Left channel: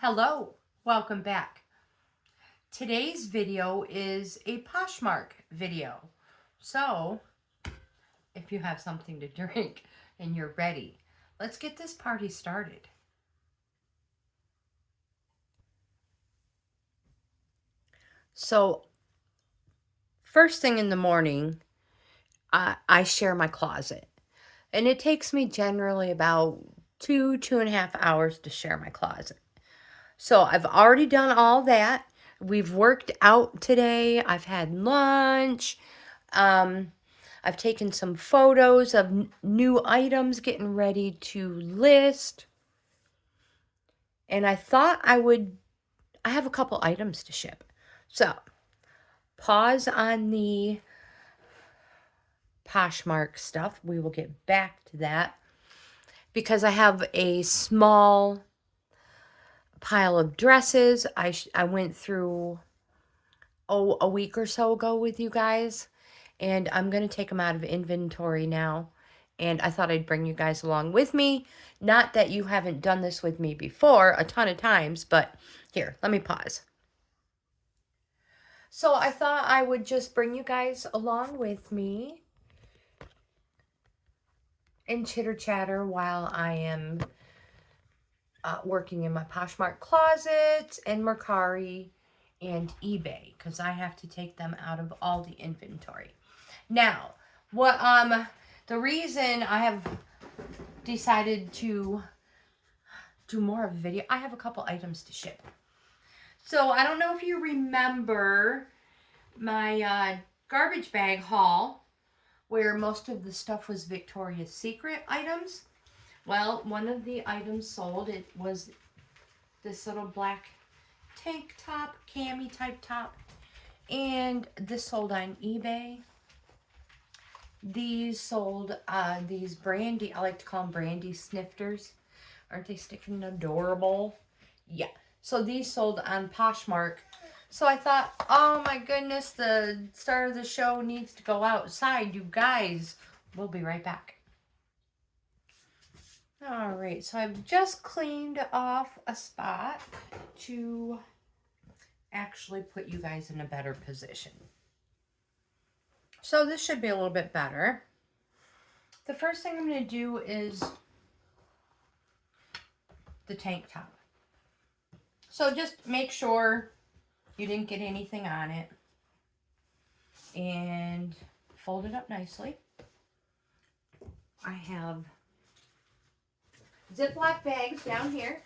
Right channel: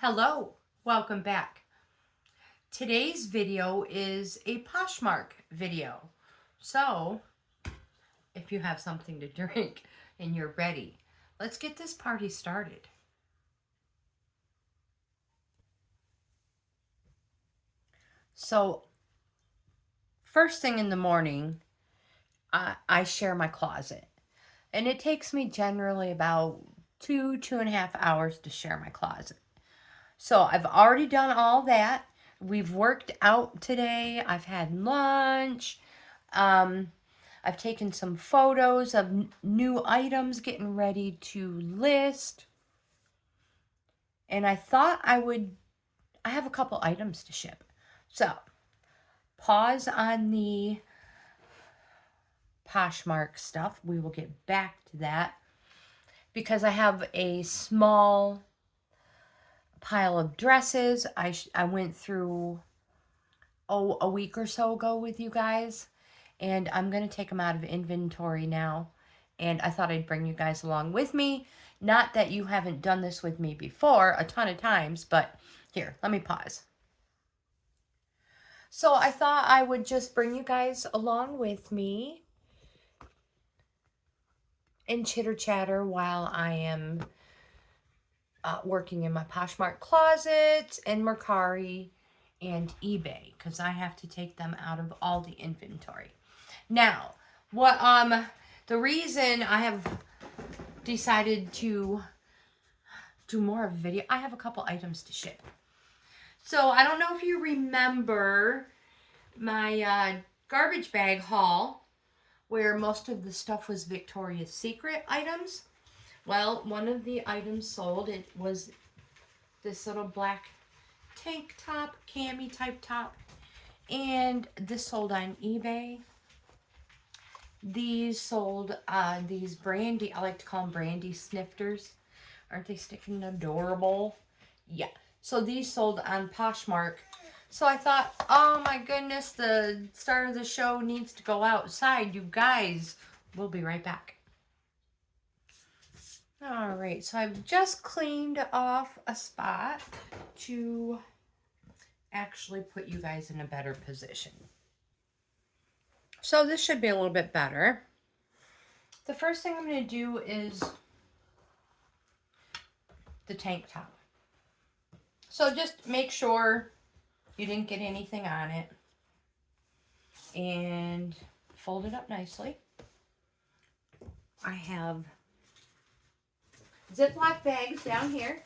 Hello, welcome back. Today's video is a POSHMARK video. So, if you have something to drink and you're ready, let's get this party started. So, first thing in the morning, I share my closet. And it takes me generally about 2.5 hours to share my closet. So I've already done all that. We've worked out today. I've had lunch. I've taken some photos of new items getting ready to list. And I thought I have a couple items to ship. So pause on the Poshmark stuff. We will get back to that because I have a small pile of dresses. I went through a week or so ago with you guys, and I'm going to take them out of inventory now, and I thought I'd bring you guys along with me. Not that you haven't done this with me before a ton of times, but here, let me pause. So I thought I would just bring you guys along with me and chitter chatter while I am working in my Poshmark closet and Mercari and eBay, because I have to take them out of all the inventory. Now, the reason I have decided to do more of a video, I have a couple items to ship. So I don't know if you remember my garbage bag haul where most of the stuff was Victoria's Secret items. Well, one of the items sold, it was this little black tank top, cami type top, and this sold on eBay. These sold these brandy, I like to call them brandy snifters. Aren't they sticking adorable? Yeah, so these sold on Poshmark. So I thought, oh my goodness, the star of the show needs to go outside. You guys, we'll be right back. All right, so I've just cleaned off a spot to actually put you guys in a better position. So this should be a little bit better. The first thing I'm going to do is the tank top. So just make sure you didn't get anything on it and fold it up nicely. I have Ziploc bags down here.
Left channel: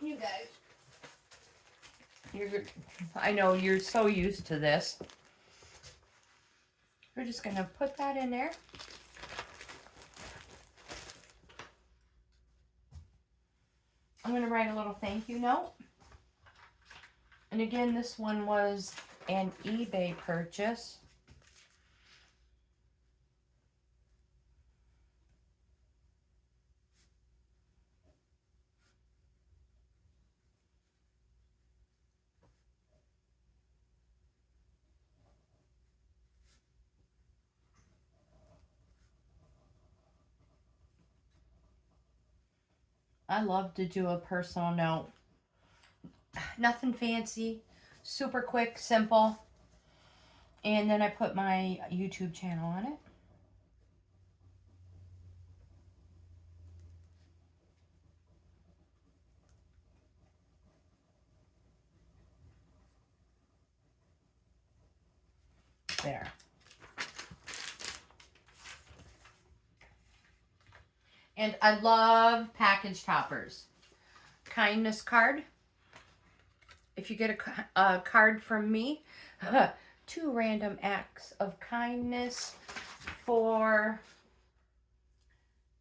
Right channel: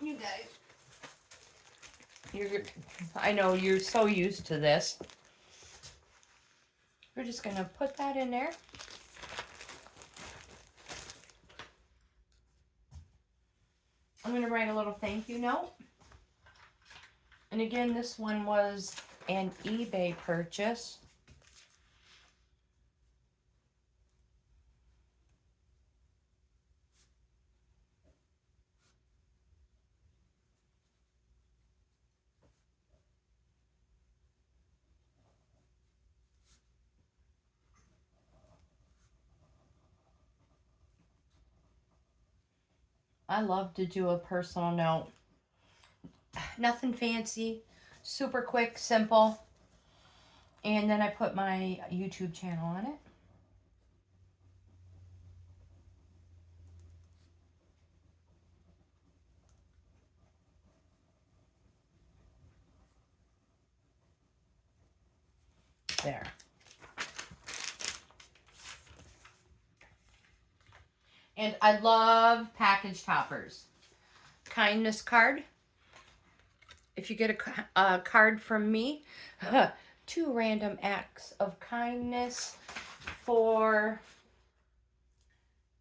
You guys, I know you're so used to this. We're just going to put that in there. I'm going to write a little thank you note. And again, this one was an eBay purchase. I love to do a personal note. Nothing fancy, super quick, simple. And then I put my YouTube channel on it. There. And I love package toppers. Kindness card. If you get a card from me, 2 random acts of kindness for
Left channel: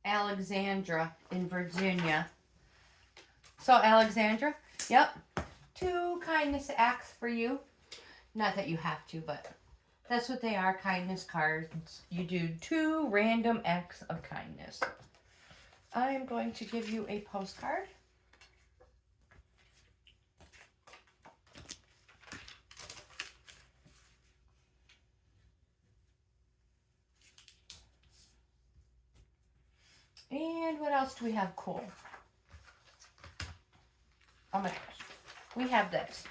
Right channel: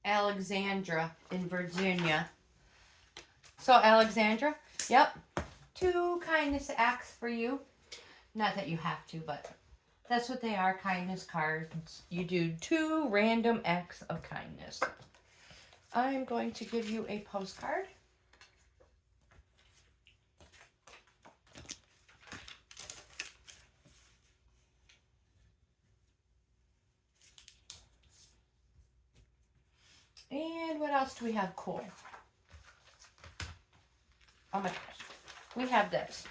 Alexandra in Virginia. So Alexandra, yep, 2 kindness acts for you. Not that you have to, but that's what they are, kindness cards. You do 2 random acts of kindness. I'm going to give you a postcard. And what else do we have cool? Oh my gosh. We have this.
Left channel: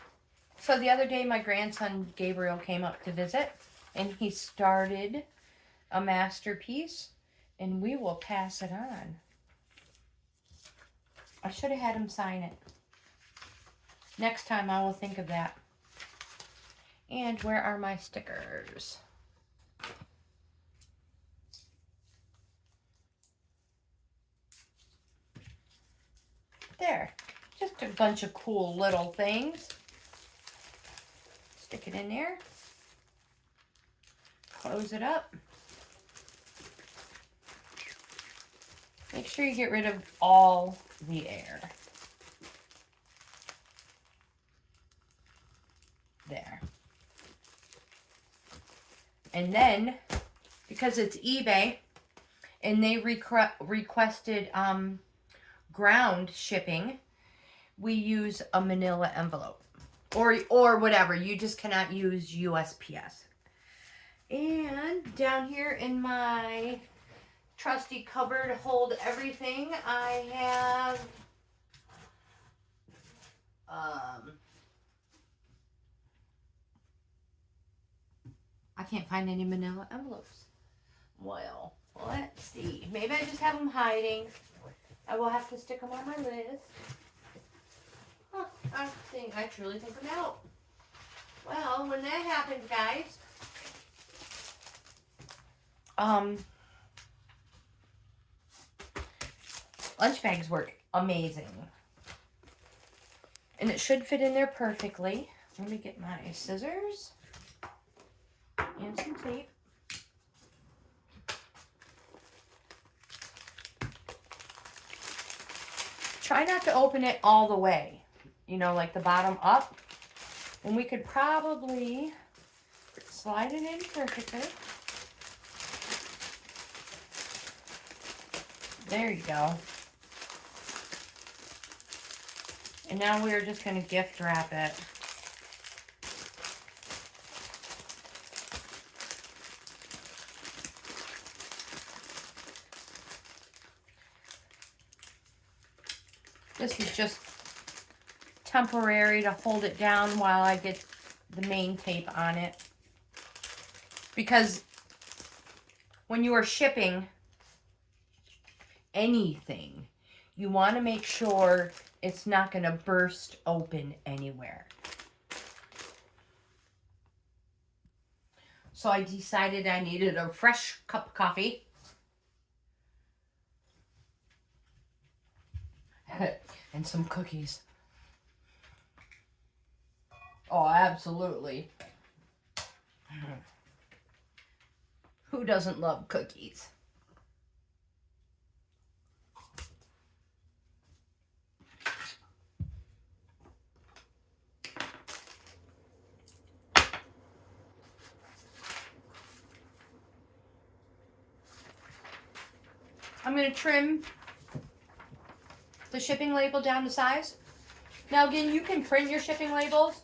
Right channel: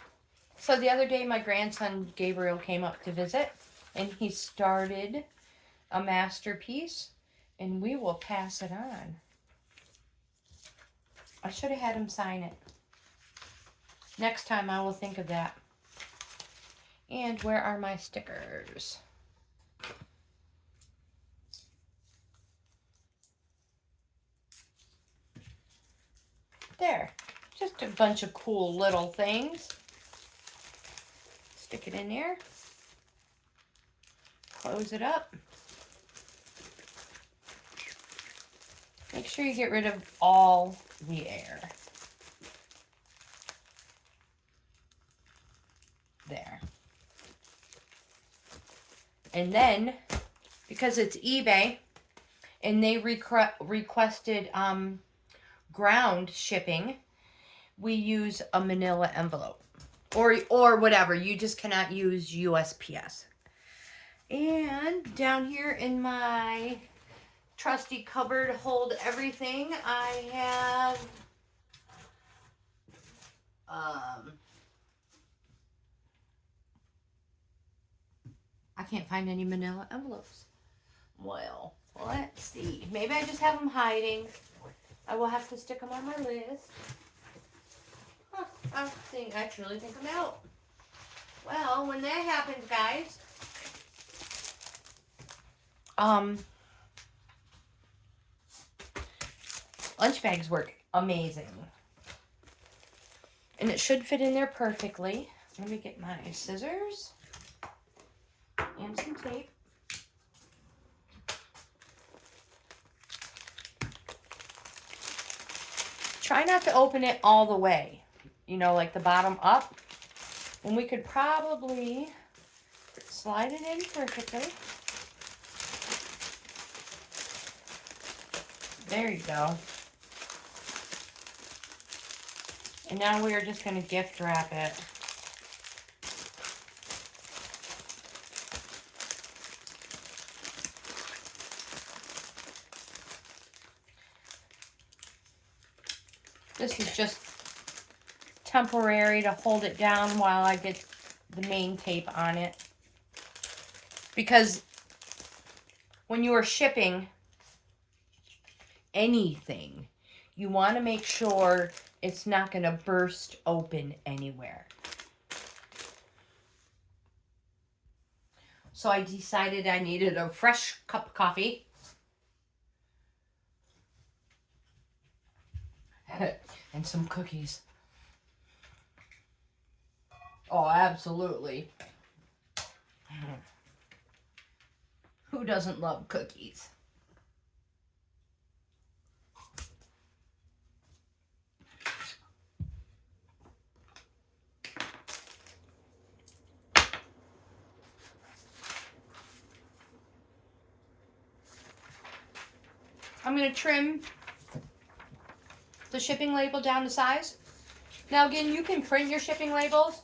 So the other day, my grandson Gabriel came up to visit, and he started a masterpiece, and we will pass it on. I should have had him sign it. Next time I will think of that. And where are my stickers? There. Just a bunch of cool little things. Stick it in there. Close it up. Make sure you get rid of all the air. There. And then, because it's eBay, and they requested ground shipping, we use a manila envelope. Or whatever. You just cannot use USPS. And down here in my trusty cupboard to hold everything, I have I can't find any manila envelopes. Well, let's see. Maybe I just have them hiding. I will have to stick them on my list. Huh, I truly think I'm out. Well, when that happens, guys, lunch bags work amazing. And it should fit in there perfectly. Let me get my scissors and some tape. Try not to open it all the way. You know, like the bottom up. And we could probably slide it in perfectly. There you go. And now we are just going to gift wrap it. This is just temporary to hold it down while I get the main tape on it. Because when you are shipping anything, you want to make sure it's not going to burst open anywhere. So I decided I needed a fresh cup of coffee. And some cookies. Oh, absolutely. Who doesn't love cookies? I'm going to trim the shipping label down to size. Now again, you can print your shipping labels,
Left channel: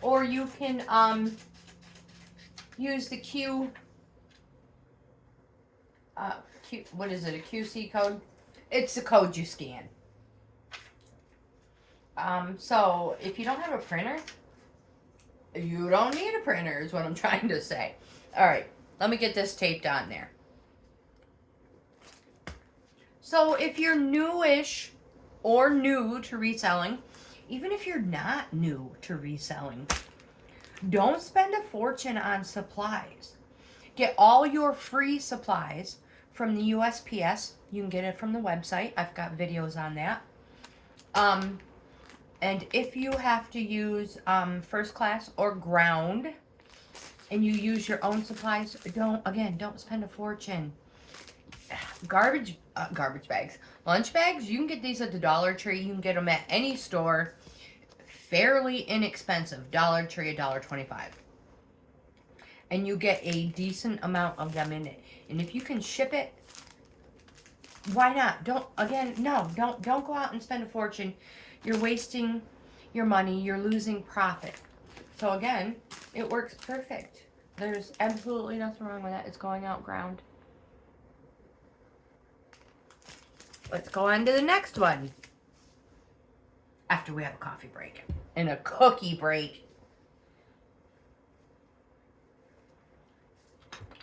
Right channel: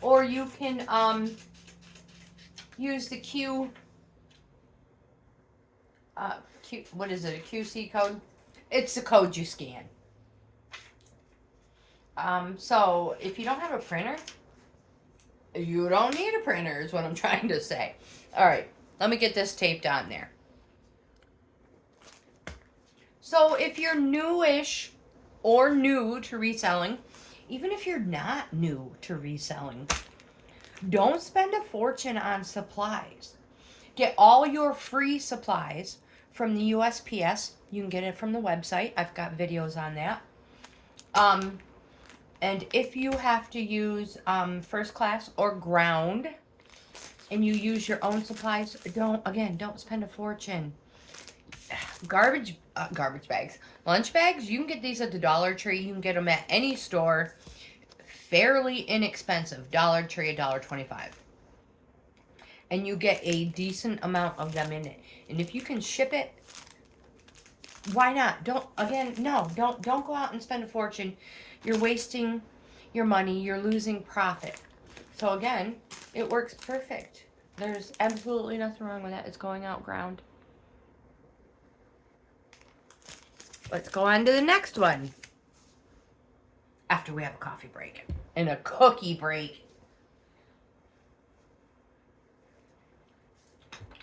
or you can use the what is it, a QC code? It's the code you scan. So if you don't have a printer, you don't need a printer is what I'm trying to say. All right, let me get this taped on there. So if you're newish or new to reselling, even if you're not new to reselling, don't spend a fortune on supplies. Get all your free supplies from the USPS. You can get it from the website. I've got videos on that. And if you have to use first class or ground and you use your own supplies, don't spend a fortune. Garbage bags, lunch bags, you can get these at the Dollar Tree. You can get them at any store, fairly inexpensive. Dollar Tree, $1.25, and you get a decent amount of them in it. And if you can ship it, why not? Don't go out and spend a fortune. You're wasting your money. You're losing profit. So again, it works perfect. There's absolutely nothing wrong with that. It's going out ground. let's go on to the next one. After we have a coffee break and a cookie break.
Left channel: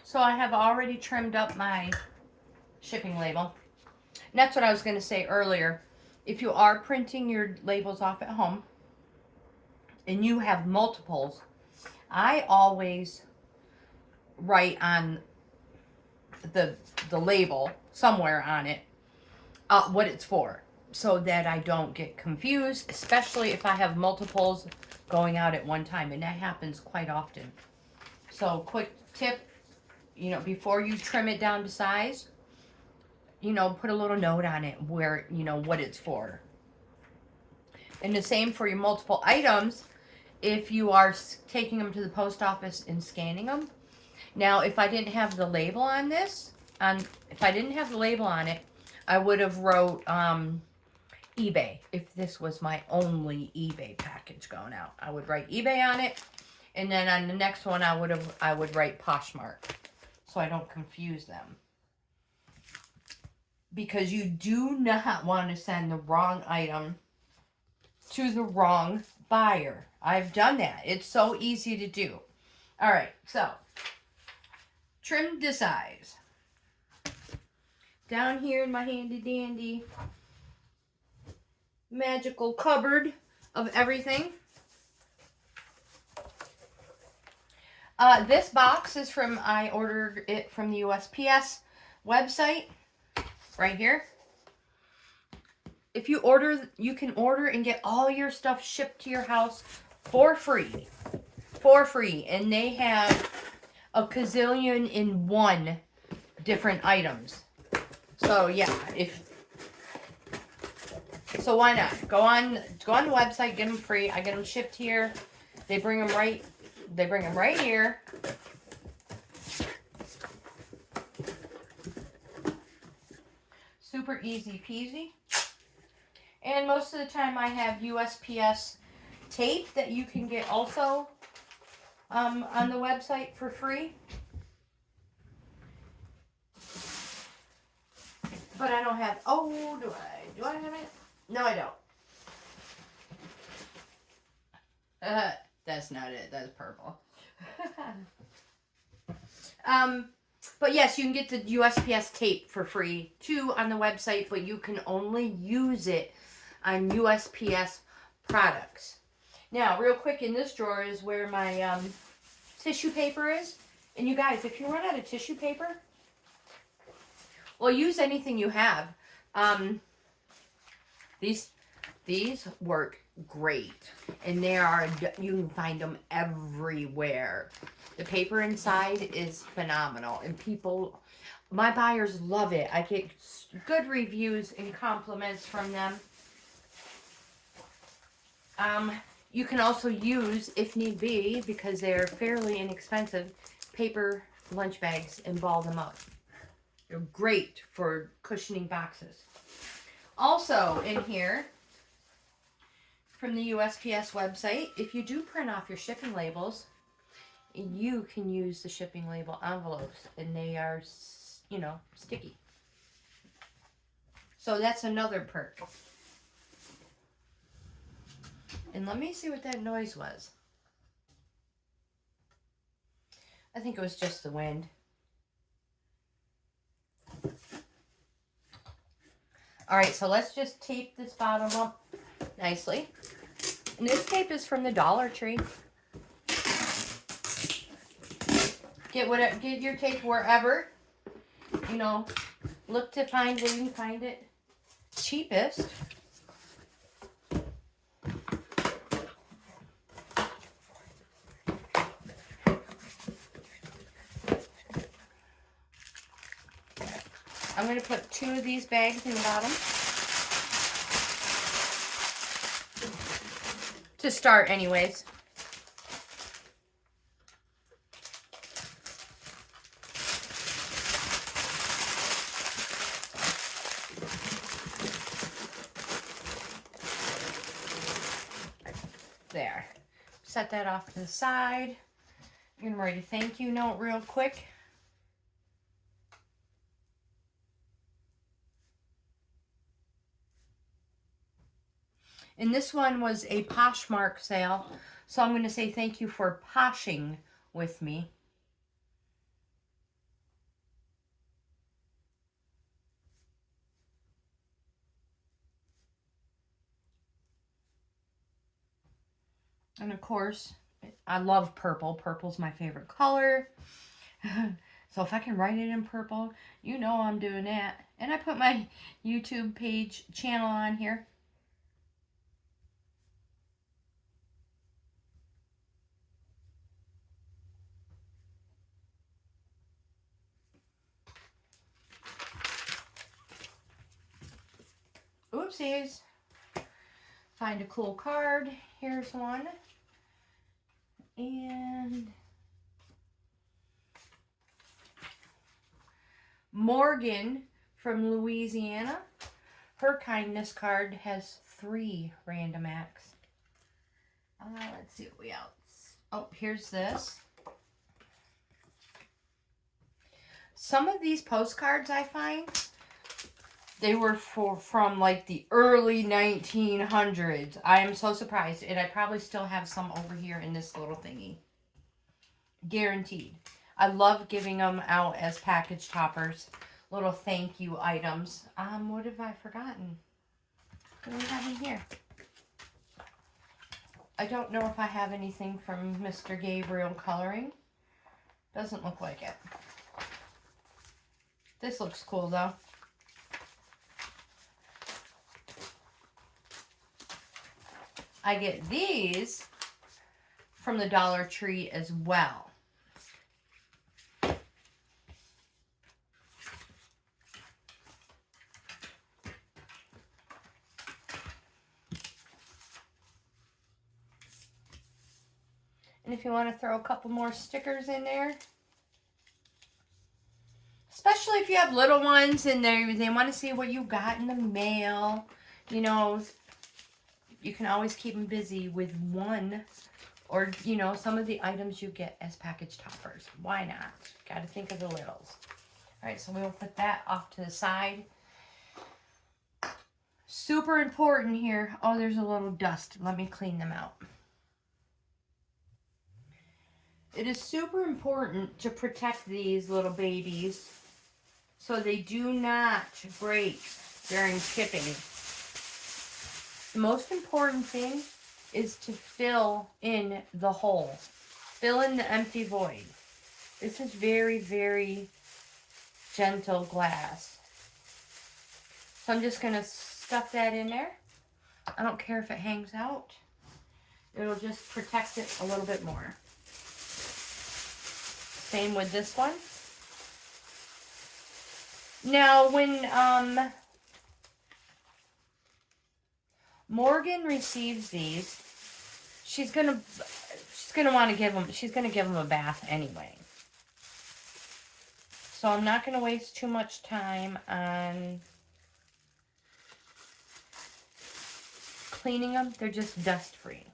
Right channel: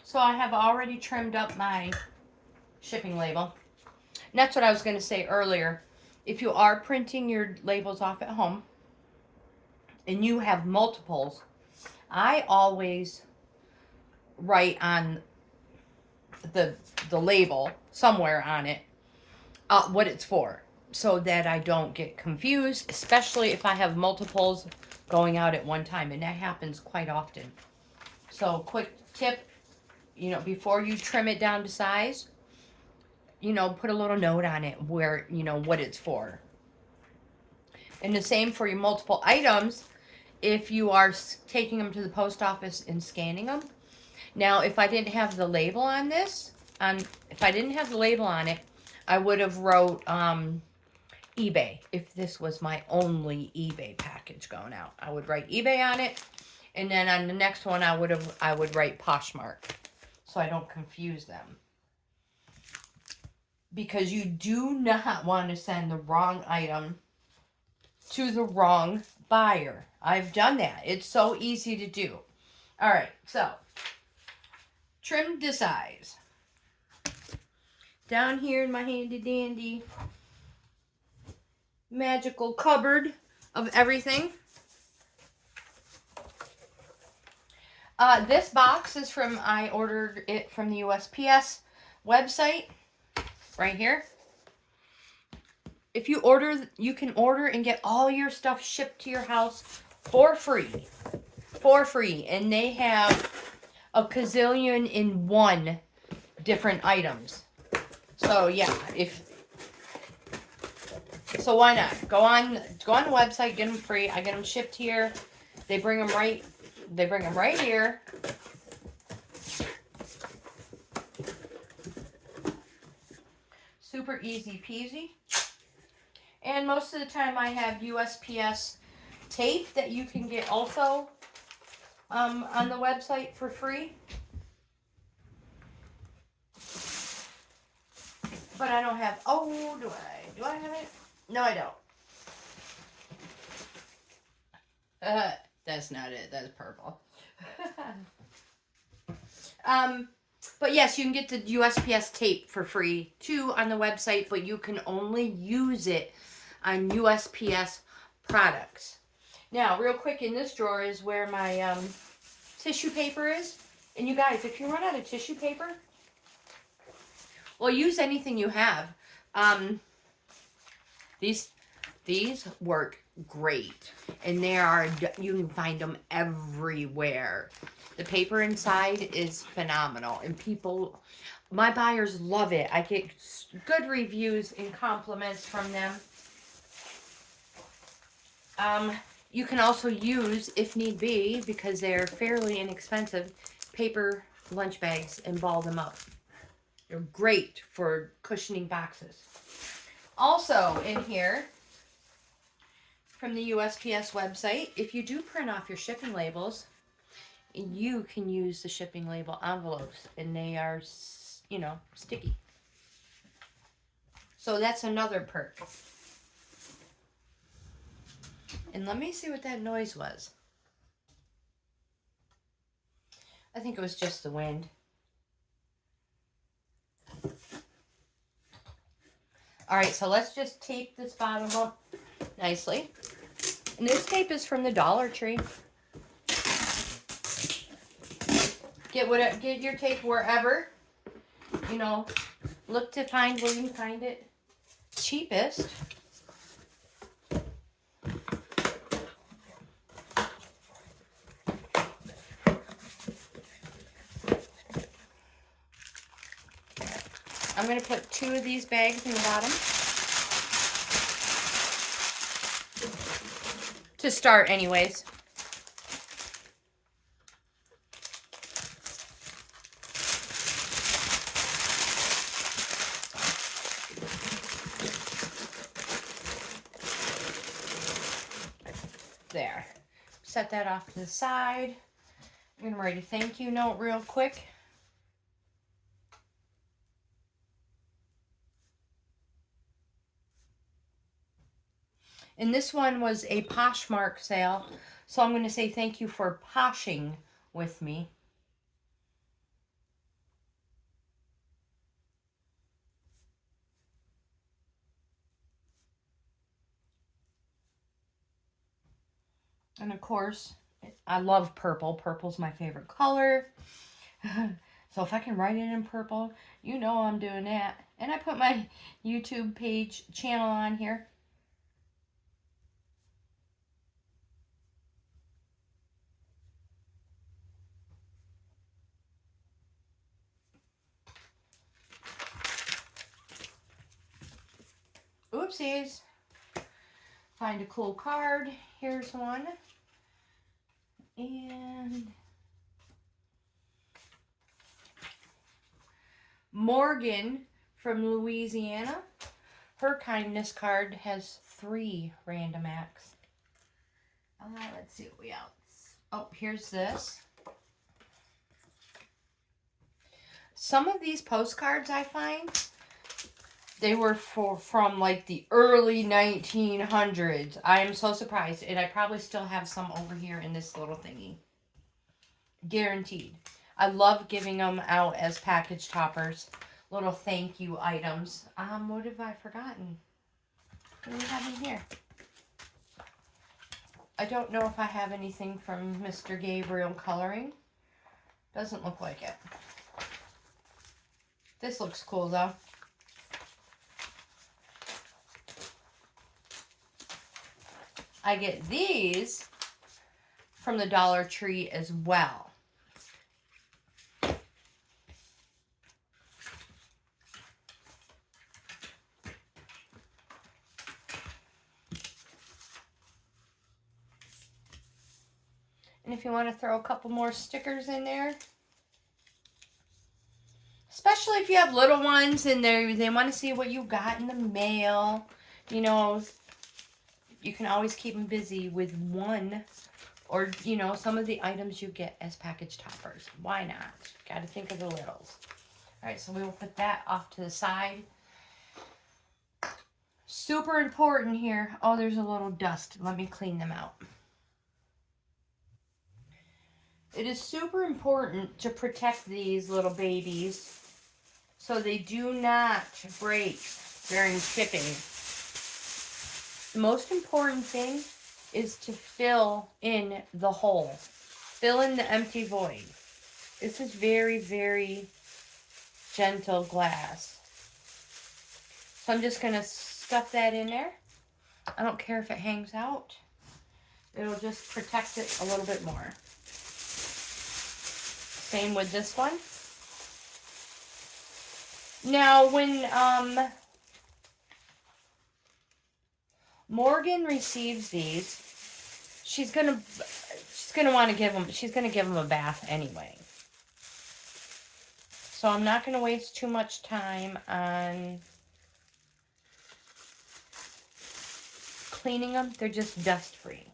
So I have already trimmed up my shipping label. And that's what I was going to say earlier. If you are printing your labels off at home and you have multiples, I always write on the label somewhere on it what it's for, so that I don't get confused, especially if I have multiples going out at one time, and that happens quite often. So quick tip, you know, before you trim it down to size, you know, put a little note on it where, you know, what it's for. And the same for your multiple items if you are taking them to the post office and scanning them. Now, if I didn't have the label on this, if I didn't have the label on it, I would have wrote eBay. If this was my only eBay package going out, I would write eBay on it, and then on the next one I would write POSHMARK, so I don't confuse them. Because you do not want to send the wrong item to the wrong buyer. I've done that. It's so easy to do. All right, so trim to size. Down here in my handy dandy magical cupboard of everything. This box is from, I ordered it from the USPS website, right here. If you order, you can order and get all your stuff shipped to your house for free. For free. And they have a gazillion and one different items. So yeah, so why not? Go on the website, get them free. I get them shipped here. They bring them right here. Super easy peasy. And most of the time I have USPS tape that you can get also on the website for free. But I don't have, oh, do I have it? No, I don't. That's not it. That's purple. But yes, you can get the USPS tape for free too on the website, but you can only use it on USPS products. Now, real quick, in this drawer is where my tissue paper is. And you guys, if you run out of tissue paper, well, use anything you have. These work great, and you can find them everywhere. The paper inside is phenomenal, and my buyers love it. I get good reviews and compliments from them. You can also use, if need be, because they're fairly inexpensive, paper lunch bags and ball them up. They're great for cushioning boxes. Also in here, from the USPS website, if you do print off your shipping labels, you can use the shipping label envelopes, and they are, you know, sticky. So that's another perk. And let me see what that noise was. I think it was just the wind. All right, so let's just tape this bottom up nicely. And this tape is from the Dollar Tree. Get your tape wherever. You know, look to find where you can find it cheapest. I'm going to put 2 of these bags in the bottom to start anyways. There. Set that off to the side. I'm going to write a thank you note real quick. And this one was a Poshmark sale. So I'm going to say thank you for poshing with me. And of course, I love purple. Purple's my favorite color. So if I can write it in purple, you know I'm doing that. And I put my YouTube page channel on here. Oopsies. Find a cool card. Here's one. And Morgan from Louisiana. Her kindness card has 3 random acts. Let's see what we else. Oh, here's this. Some of these postcards I find, they were from like the early 1900s. I am so surprised. And I probably still have some over here in this little thingy. Guaranteed. I love giving them out as package toppers. Little thank you items. What have I forgotten? What do we have in here? I don't know if I have anything from Mr. Gabriel Coloring. Doesn't look like it. This looks cool though. I get these from the Dollar Tree as well. And if you want to throw a couple more stickers in there, especially if you have little ones in there, they want to see what you got in the mail. You know, you can always keep them busy with one or, you know, some of the items you get as package toppers. Why not? Got to think of the littles. All right, so we will put that off to the side. Super important here. Oh, there's a little dust. Let me clean them out. It is super important to protect these little babies so they do not break during shipping. The most important thing is to fill in the hole. Fill in the empty void. This is very, very gentle glass. So I'm just going to stuff that in there. I don't care if it hangs out. It'll just protect it a little bit more. Same with this one. Now, when Morgan receives these, she's gonna want to give them. She's gonna give them a bath anyway. So I'm not gonna waste too much time on cleaning them. They're just dust free.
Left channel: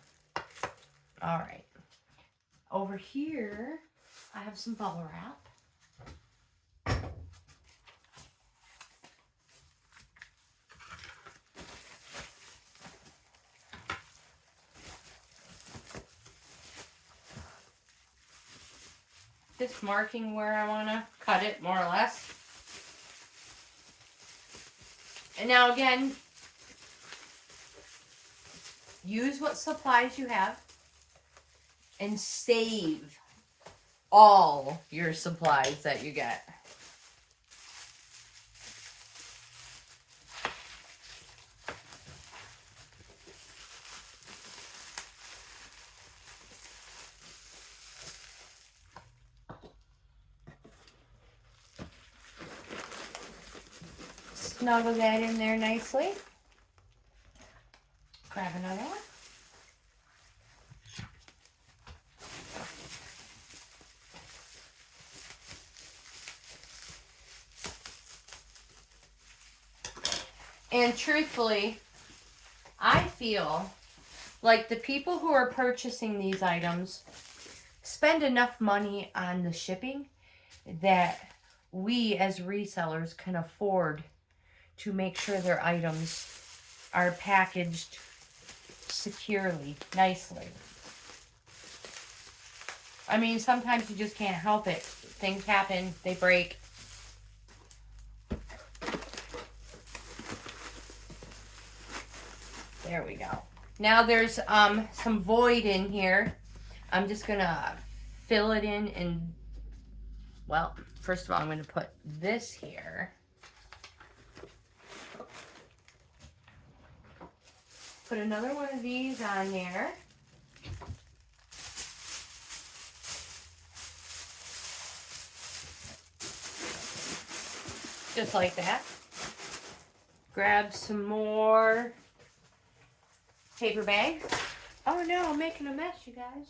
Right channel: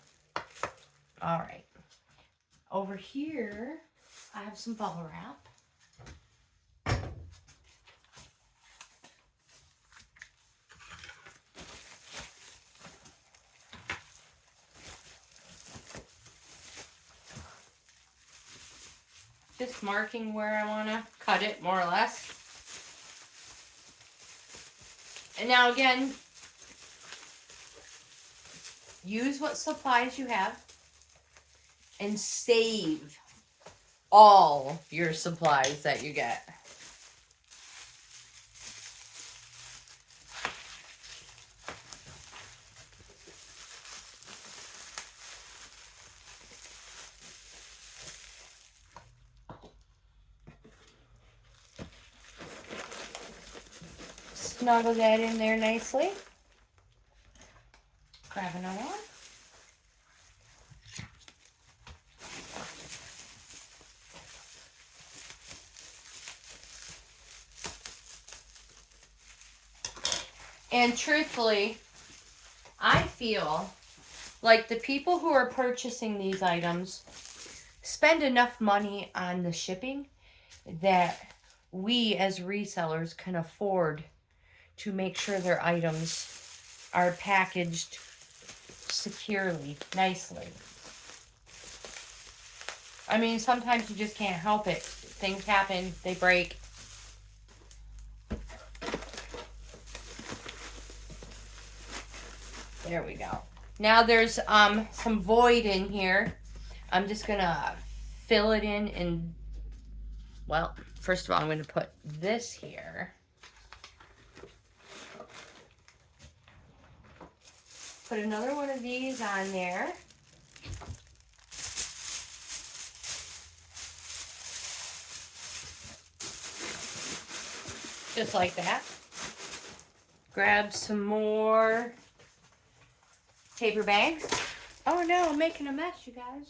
All right. Over here, I have some bubble wrap. Just marking where I want to cut it, more or less. And now again, use what supplies you have and save all your supplies that you get. Snuggle that in there nicely. Grab another one. And truthfully, I feel like the people who are purchasing these items spend enough money on the shipping that we as resellers can afford to make sure their items are packaged securely, nicely. I mean, sometimes you just can't help it. Things happen, they break. There we go. Now there's some void in here. I'm just gonna fill it in and, well, first of all, I'm gonna put this here. Put another one of these on there. Just like that. Grab some more paper bags. Oh no, I'm making a mess, you guys.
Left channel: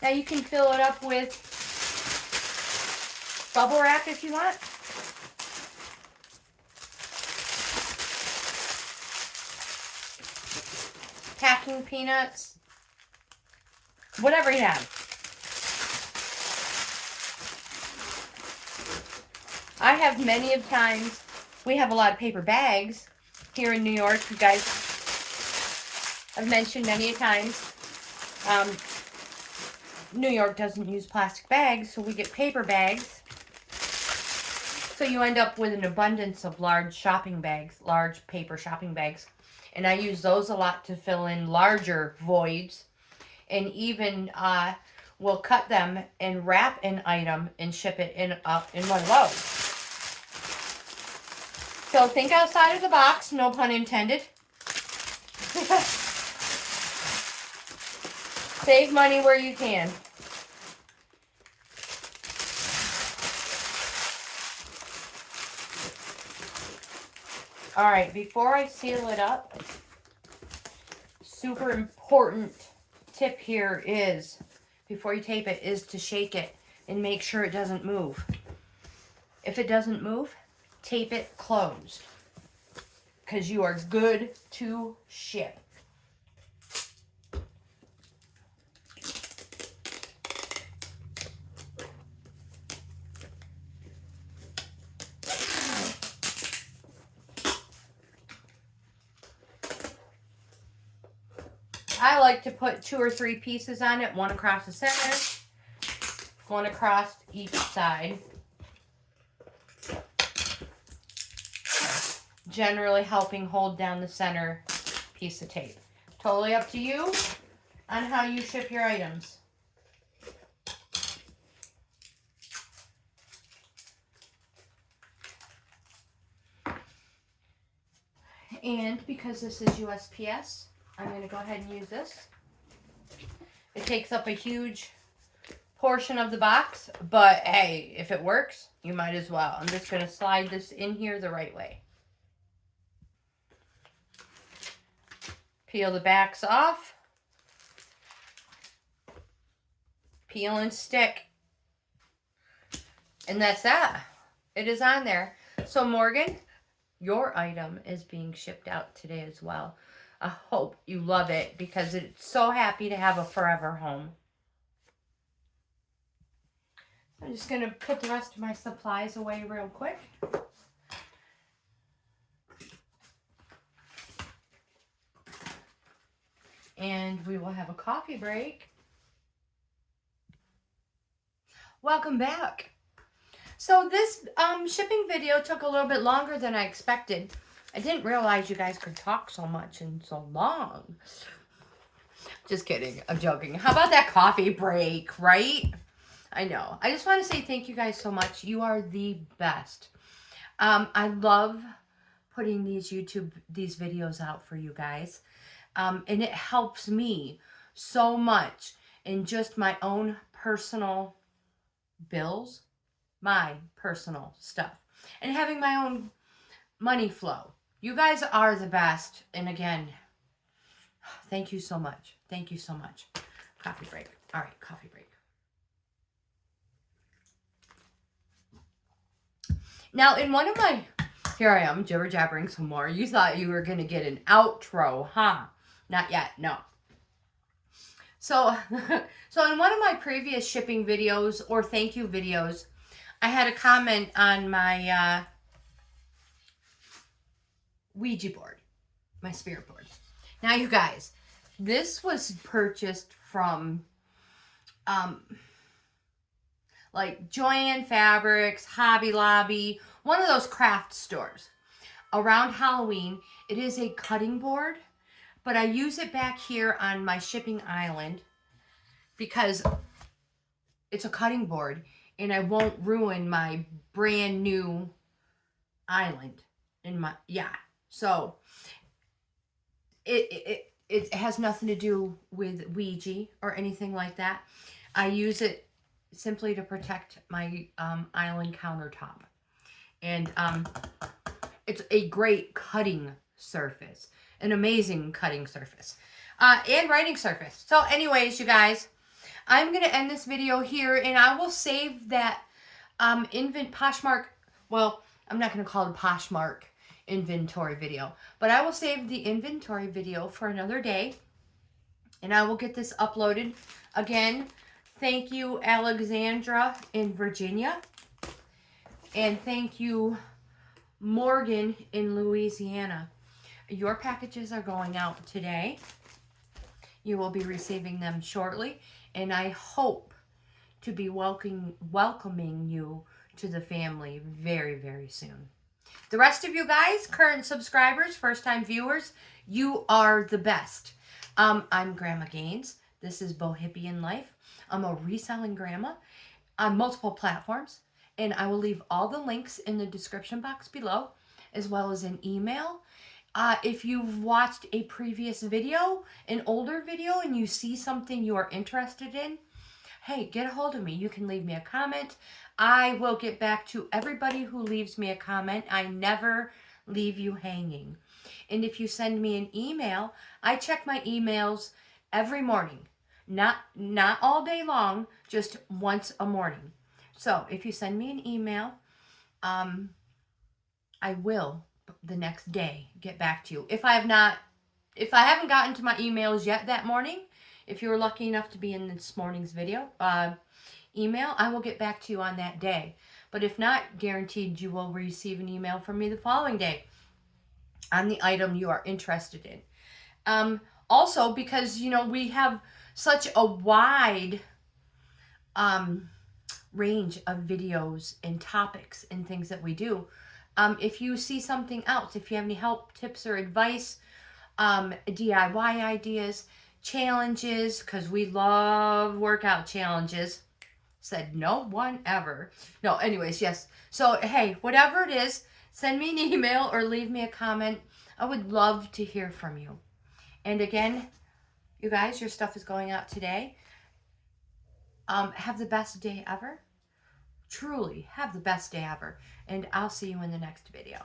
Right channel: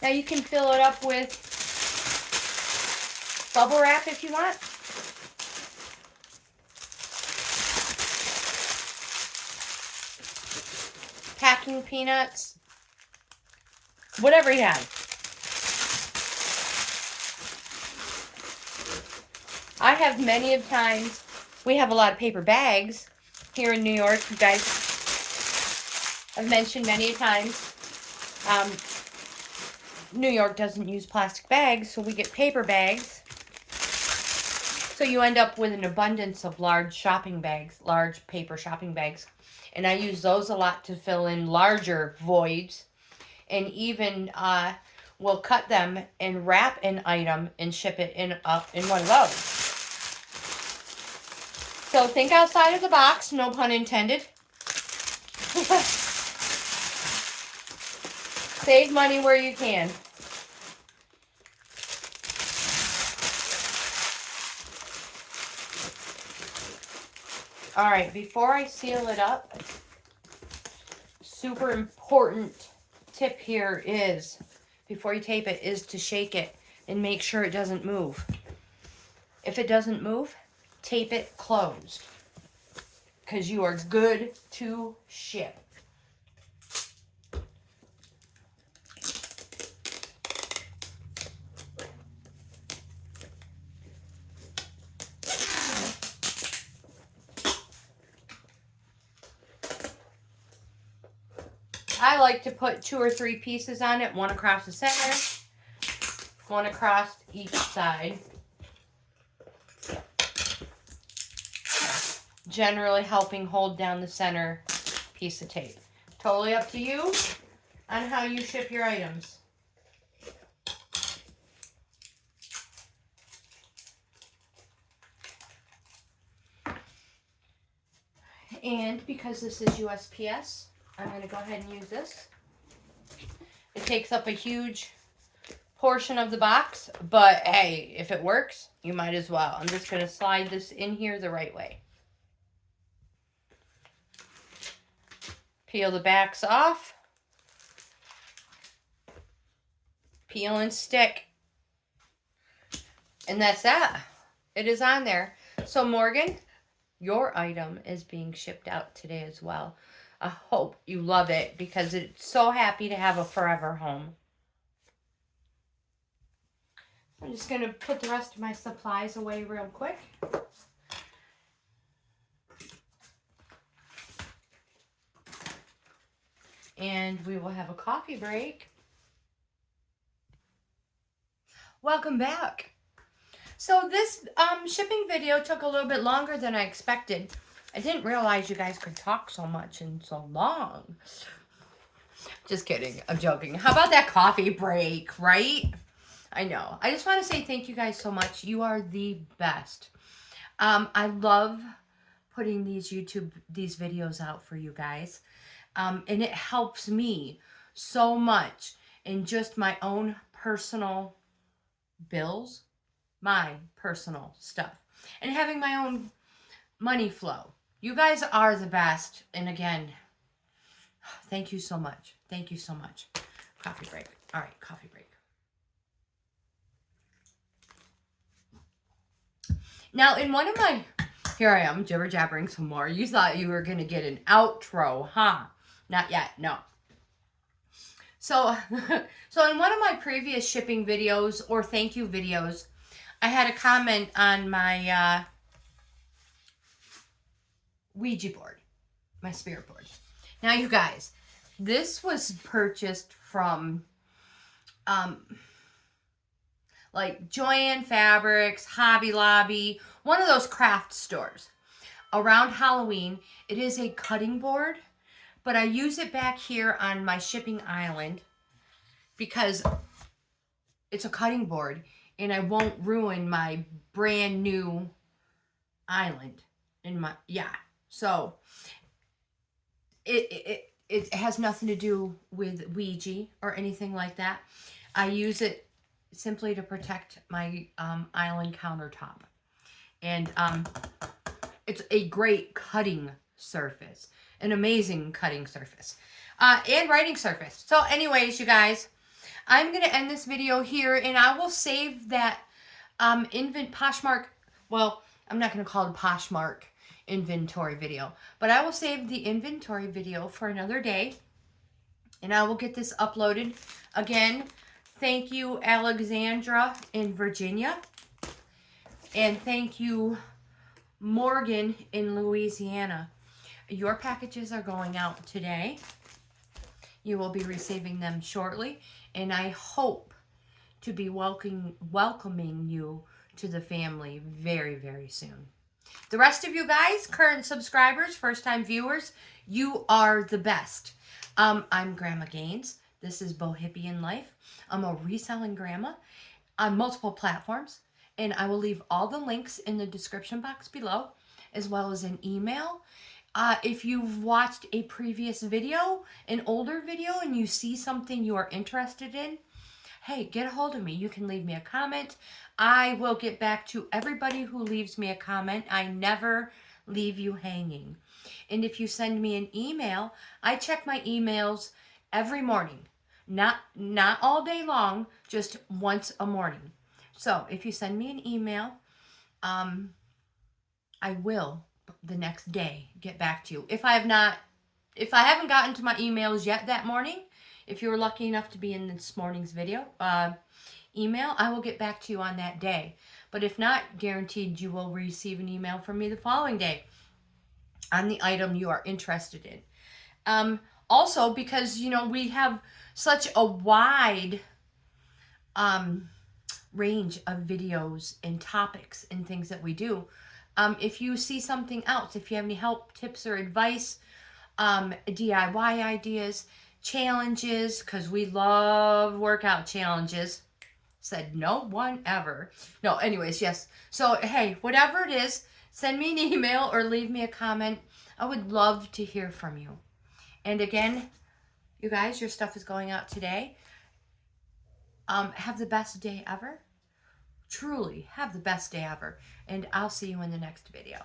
Now you can fill it up with bubble wrap if you want. Packing peanuts. Whatever you have. I have many of times, we have a lot of paper bags here in New York. You guys have mentioned many times. New York doesn't use plastic bags, so we get paper bags. So you end up with an abundance of large shopping bags, large paper shopping bags. And I use those a lot to fill in larger voids. And even we'll cut them and wrap an item and ship it in one of those. So think outside of the box, no pun intended. Save money where you can. All right, before I seal it up, super important tip here is, before you tape it, is to shake it and make sure it doesn't move. If it doesn't move, tape it closed, because you are good to ship. I like to put 2 or 3 pieces on it, one across the center, one across each side. Generally helping hold down the center piece of tape. Totally up to you on how you ship your items. And because this is USPS, I'm going to go ahead and use this. It takes up a huge portion of the box, but hey, if it works, you might as well. I'm just going to slide this in here the right way. Peel the backs off. Peel and stick. And that's that. It is on there. So Morgan, your item is being shipped out today as well. I hope you love it, because it's so happy to have a forever home. I'm just going to put the rest of my supplies away real quick. And we will have a coffee break. Welcome back. So this shipping video took a little bit longer than I expected. I didn't realize you guys could talk so much and so long. Just kidding. I'm joking. How about that coffee break, right? I know. I just want to say thank you guys so much. You are the best. I love putting these videos out for you guys. And it helps me so much in just my own personal bills, my personal stuff, and having my own money flow. You guys are the best. And again, thank you so much. Thank you so much. Coffee break. All right, coffee break. Now, in one of my, here I am, jibber jabbering some more. You thought you were going to get an outro, huh? Not yet, no. So in one of my previous shipping videos or thank you videos, I had a comment on my Ouija board, my spirit board. Now, you guys, this was purchased from like Joann Fabrics, Hobby Lobby, one of those craft stores. Around Halloween, it is a cutting board, but I use it back here on my shipping island because it's a cutting board and I won't ruin my brand new island in my, yeah. So it has nothing to do with Ouija or anything like that. I use it simply to protect my island countertop. And it's a great cutting surface. An amazing cutting surface. And writing surface. So anyways, you guys, I'm going to end this video here. And I will save that POSHMARK. Well, I'm not going to call it a POSHMARK inventory video. But I will save the inventory video for another day. And I will get this uploaded. Again, thank you, Alexandra in Virginia. And thank you, Morgan in Louisiana. Your packages are going out today. You will be receiving them shortly. And I hope to be welcoming you to the family very, very soon. The rest of you guys, current subscribers, first-time viewers, you are the best. I'm Grandma GAINZ. This is Bohippianlife. I'm a reselling grandma on multiple platforms. And I will leave all the links in the description box below, as well as an email. If you've watched a previous video, an older video, and you see something you are interested in, hey, get a hold of me. You can leave me a comment. I will get back to everybody who leaves me a comment. I never leave you hanging. And if you send me an email, I check my emails every morning. Not all day long, just once a morning. So if you send me an email, I will the next day get back to you. If I haven't gotten to my emails yet that morning, if you were lucky enough to be in this morning's video, email, I will get back to you on that day. But if not, guaranteed you will receive an email from me the following day on the item you are interested in. Also, because, you know, we have such a wide range of videos and topics and things that we do. If you see something else, if you have any help, tips, or advice, DIY ideas, challenges, because we love workout challenges. Said no one ever. No, anyways, yes. So, hey, whatever it is, send me an email or leave me a comment. I would love to hear from you. And again, you guys, your stuff is going out today. Have the best day ever. Truly, have the best day ever. And I'll see you in the next video.